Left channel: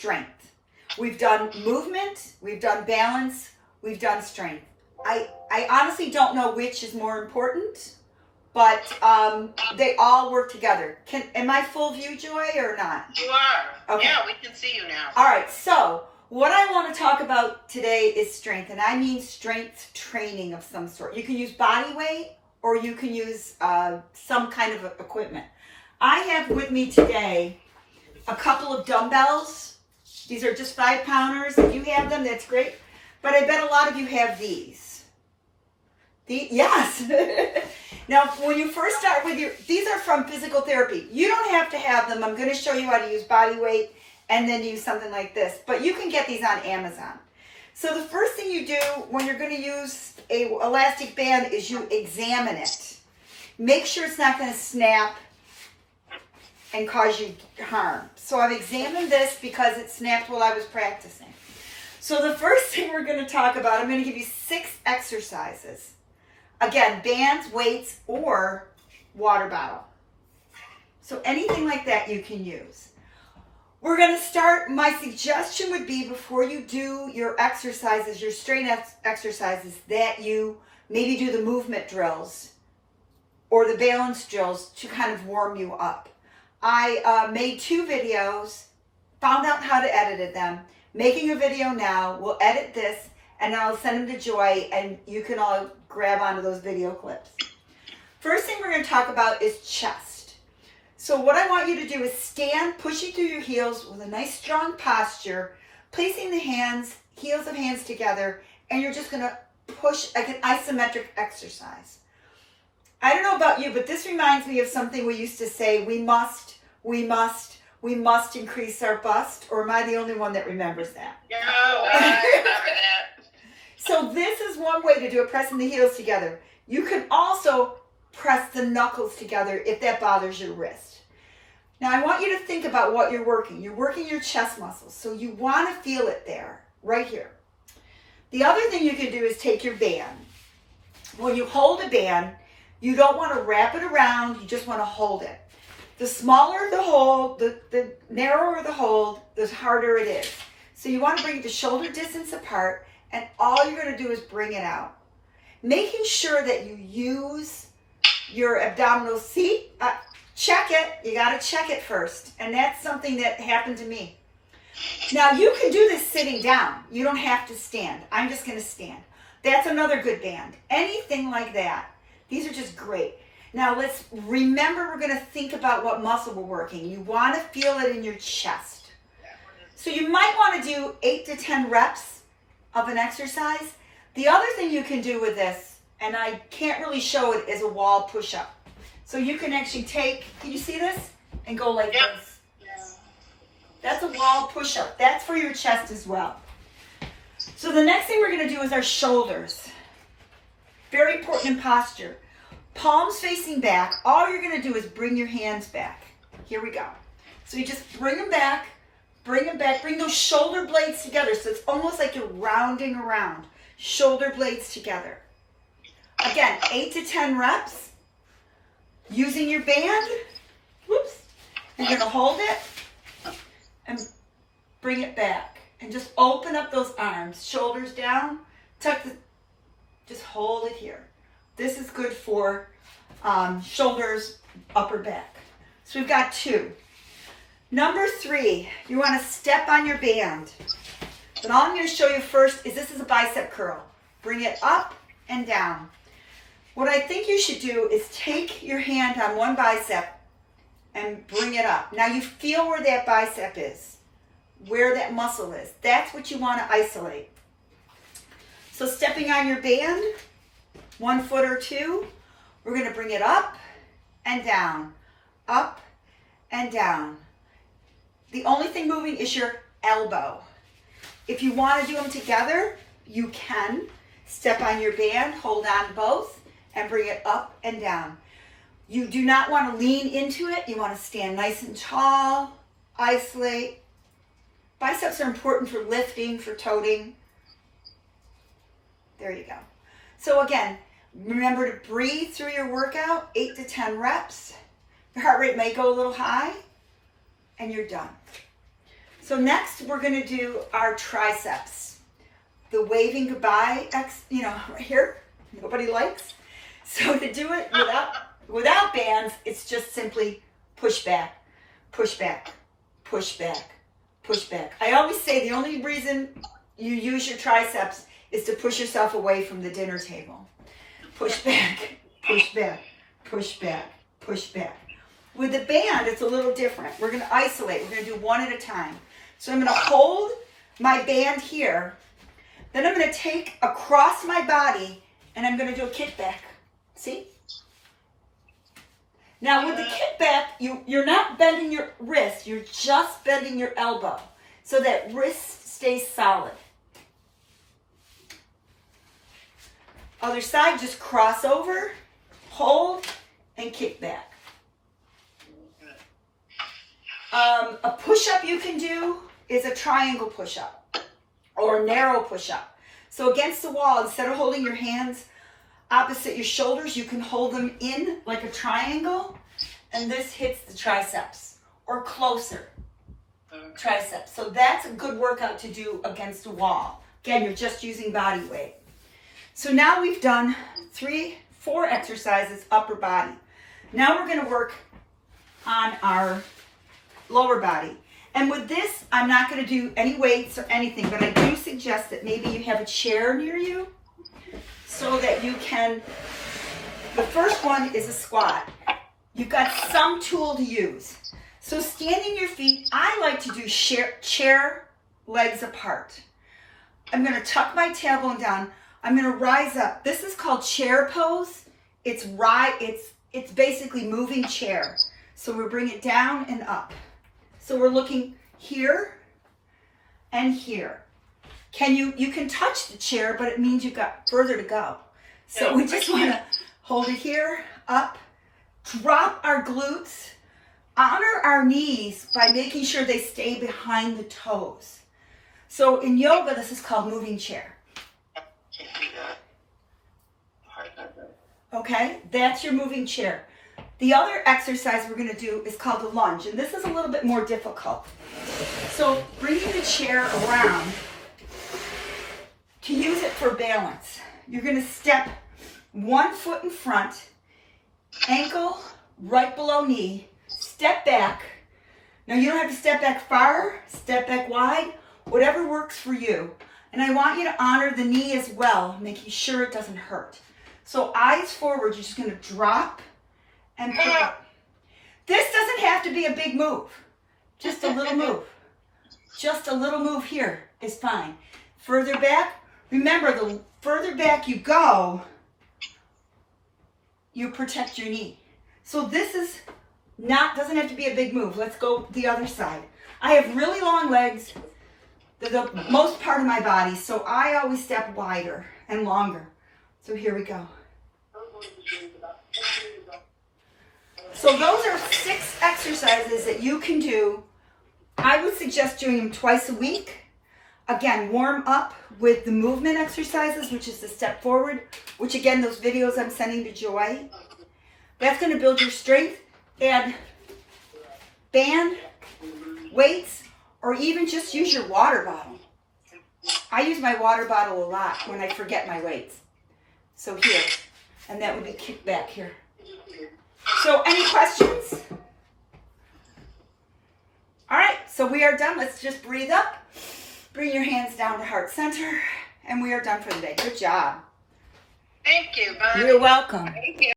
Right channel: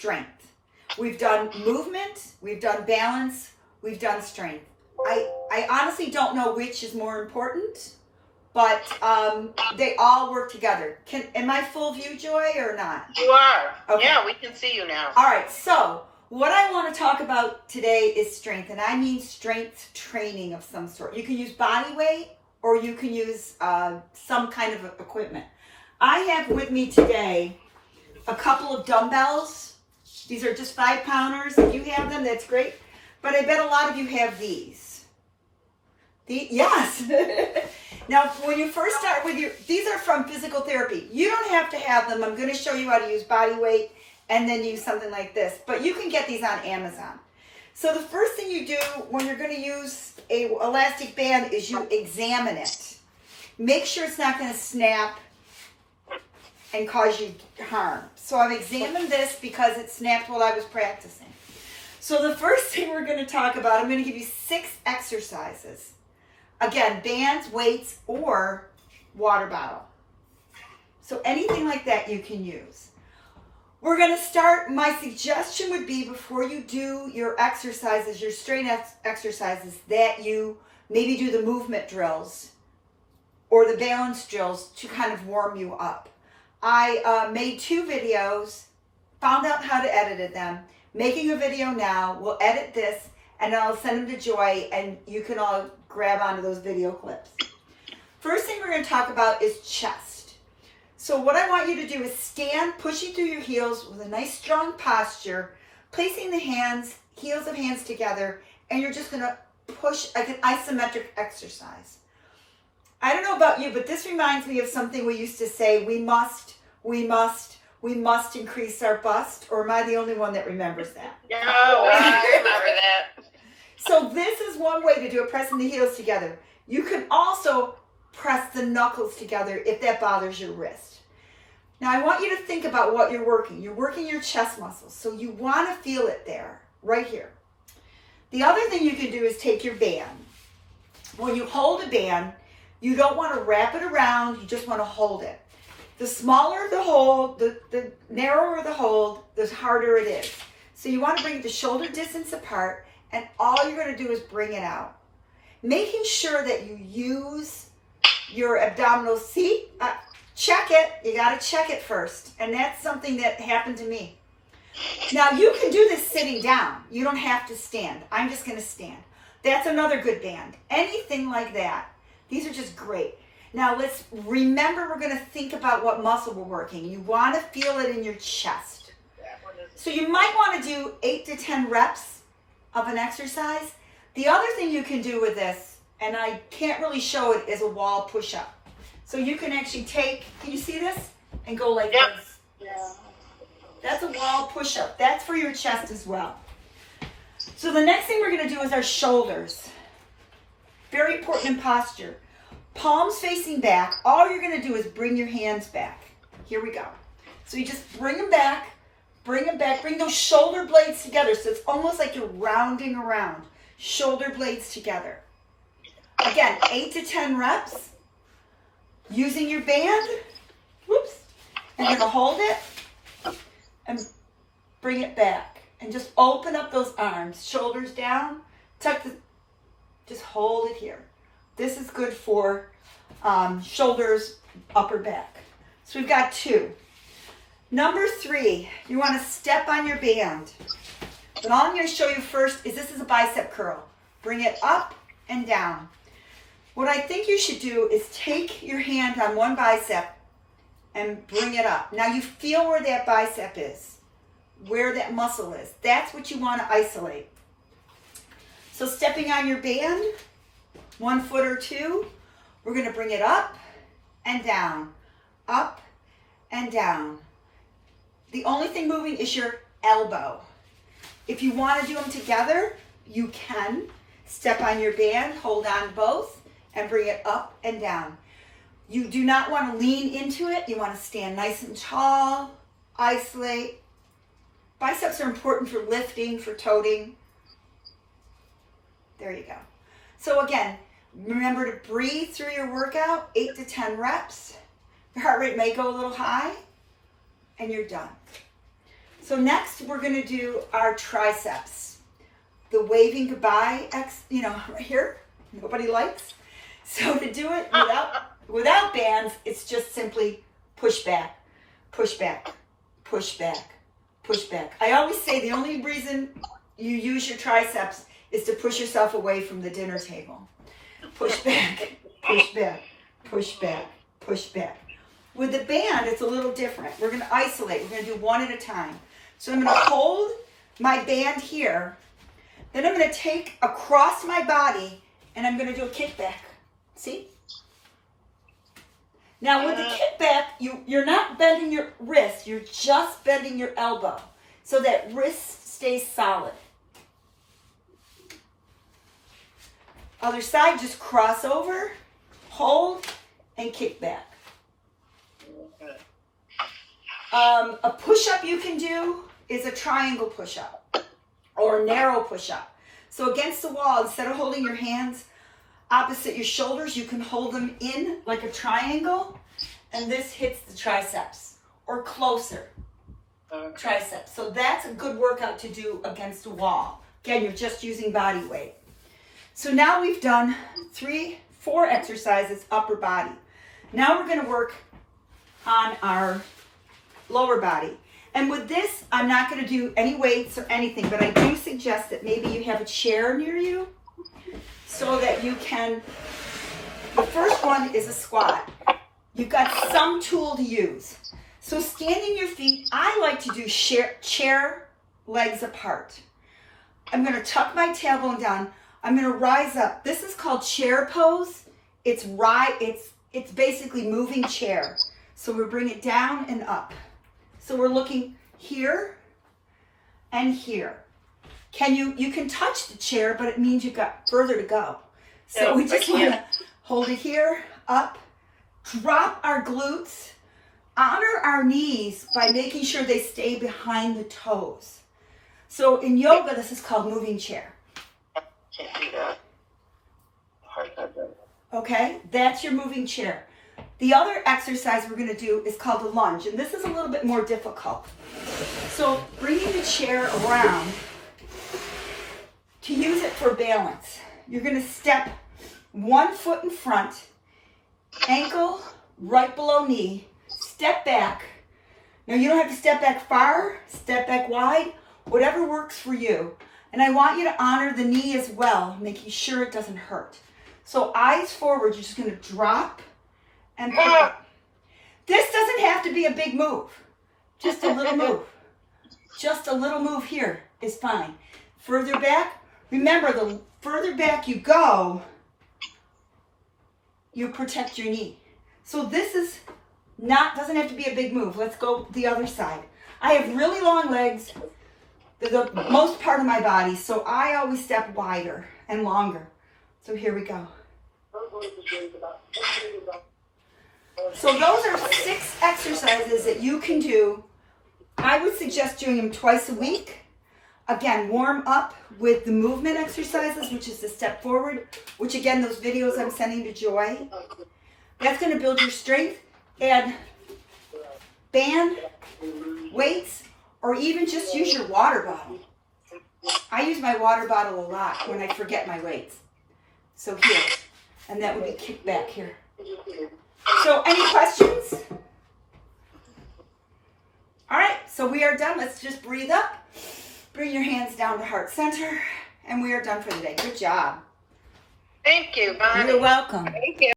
strength. We've done movement, we've done balance, we've done strength. I honestly don't know which is more important, but they all work together. Am I full view, Joy, or not? You are. Okay. Yeah, we can see you now. All right, so what I want to talk about today is strength, and I mean strength training of some sort. You can use body weight or you can use some kind of equipment. I have with me today a couple of dumbbells. These are just 5-pounders. If you have them, that's great. But I bet a lot of you have these. Yes. Now, when you first start with these are from physical therapy. You don't have to have them. I'm going to show you how to use body weight and then use something like this. But you can get these on Amazon. So the first thing you do when you're going to use a elastic band is you examine it. Make sure it's not going to snap and cause you harm. So I've examined this because it snapped while I was practicing. So the first thing we're going to talk about, I'm going to give you 6 exercises. Again, bands, weights, or water bottle. So anything like that you can use. We're going to start, my suggestion would be before you do your exercises, your strength exercises, that you maybe do the movement drills or the balance drills to kind of warm you up. I made 2 videos, found out how to edit them, making a video now. We'll edit this and I'll send them to Joy and you can all grab onto those video clips. First thing we're going to talk about is chest. So what I want you to do is stand, pushing through your heels with a nice strong posture, placing the hands, heels of hands together, and you're just going to push like an isometric exercise. I don't know about you, but this reminds me of something we used to say, we must increase our bust, or am I the only one that remembers that? No, I remember that. So this is one way to do it, pressing the heels together. You can also press the knuckles together if that bothers your wrist. Now I want you to think about what you're working. You're working your chest muscles, so you want to feel it there, right here. The other thing you can do is take your band. When you hold a band, you don't want to wrap it around, you just want to hold it. The smaller the hold, the narrower the hold, the harder it is. So you want to bring it to shoulder distance apart, and all you're going to do is bring it out. Making sure that you use your abdominal seat. Check it. You got to check it first. And that's something that happened to me. Now you can do this sitting down. You don't have to stand. I'm just going to stand. That's another good band. Anything like that. These are just great. Now let's remember, we're going to think about what muscle we're working. You want to feel it in your chest. So you might want to do 8 to 10 reps of an exercise. The other thing you can do with this, and I can't really show it, is a wall push-up. So you can actually take, can you see this? And go like this. Yeah. That's a wall push-up. That's for your chest as well. So the next thing we're going to do is our shoulders. Very important in posture. Palms facing back. All you're going to do is bring your hands back. Here we go. So you just bring them back, bring those shoulder blades together. So it's almost like you're rounding around. Shoulder blades together. Again, 8 to 10 reps. Using your band. Whoops. And you're going to hold it and bring it back. And just open up those arms. Shoulders down. Just hold it here. This is good for shoulders, upper back. So we've got 2. Number 3, you want to step on your band. But all I'm going to show you first is this is a bicep curl. Bring it up and down. What I think you should do is take your hand on one bicep and bring it up. Now you feel where that bicep is, where that muscle is. That's what you want to isolate. So stepping on your band, 1 foot or 2, we're going to bring it up and down, up and down. The only thing moving is your elbow. If you want to do them together, you can. Step on your band, hold on both, and bring it up and down. You do not want to lean into it. You want to stand nice and tall, isolate. Biceps are important for lifting, for toting. There you go. So again, remember to breathe through your workout, 8 to 10 reps. Your heart rate may go a little high, and you're done. So next we're going to do our triceps. The waving goodbye, right here, nobody likes. So to do it without bands, it's just simply push back, push back, push back, push back. I always say the only reason you use your triceps is to push yourself away from the dinner table. Push back, push back, push back, push back. With the band, it's a little different. We're going to isolate. We're going to do one at a time. So I'm going to hold my band here. Then I'm going to take across my body and I'm going to do a kickback. See? Now with the kickback, you're not bending your wrist. You're just bending your elbow so that wrist stays solid. Other side, just cross over, hold, and kick back. A push-up you can do is a triangle push-up or a narrow push-up. So against the wall, instead of holding your hands opposite your shoulders, you can hold them in like a triangle, and this hits the triceps or closer. Triceps. So that's a good workout to do against a wall. Again, you're just using body weight. So now we've done 4 exercises, upper body. Now we're going to work on our lower body. And with this, I'm not going to do any weights or anything, but I do suggest that maybe you have a chair near you so that you can, the first one is a squat. You've got some tool to use. So standing your feet, I like to do chair legs apart. I'm going to tuck my tailbone down. I'm going to rise up. This is called chair pose. It's basically moving chair. So we bring it down and up. So we're looking here and here. You can touch the chair, but it means you've got further to go. So we just want to hold it here, up, drop our glutes, honor our knees by making sure they stay behind the toes. So in yoga, this is called moving chair. Okay, that's your moving chair. The other exercise we're going to do is called the lunge, and this is a little bit more difficult. So bringing the chair around to use it for balance. You're going to step 1 foot in front, ankle right below knee, step back. Now you don't have to step back far, step back wide, whatever works for you. And I want you to honor the knee as well, making sure it doesn't hurt. So eyes forward, you're just going to drop and pick up. This doesn't have to be a big move. Just a little move. Just a little move here is fine. Further back, remember the further back you go, you protect your knee. So this is doesn't have to be a big move. Let's go the other side. I have really long legs, the most part of my body, so I always step wider and longer. So here we go. So those are 6 exercises that you can do. I would suggest doing them twice a week. Again, warm up with the movement exercises, which is the step forward, which again, those videos I'm sending to Joy. That's going to build your strength. Add band, weights, or even just use your water bottle. I use my water bottle a lot when I forget my weights. So here, and that would be kicked back here. So any questions? All right, so we are done. Let's just breathe up. Bring your hands down to heart center, and we are done for the day. Good job. Thank you, Bonnie. You're welcome. Thank you.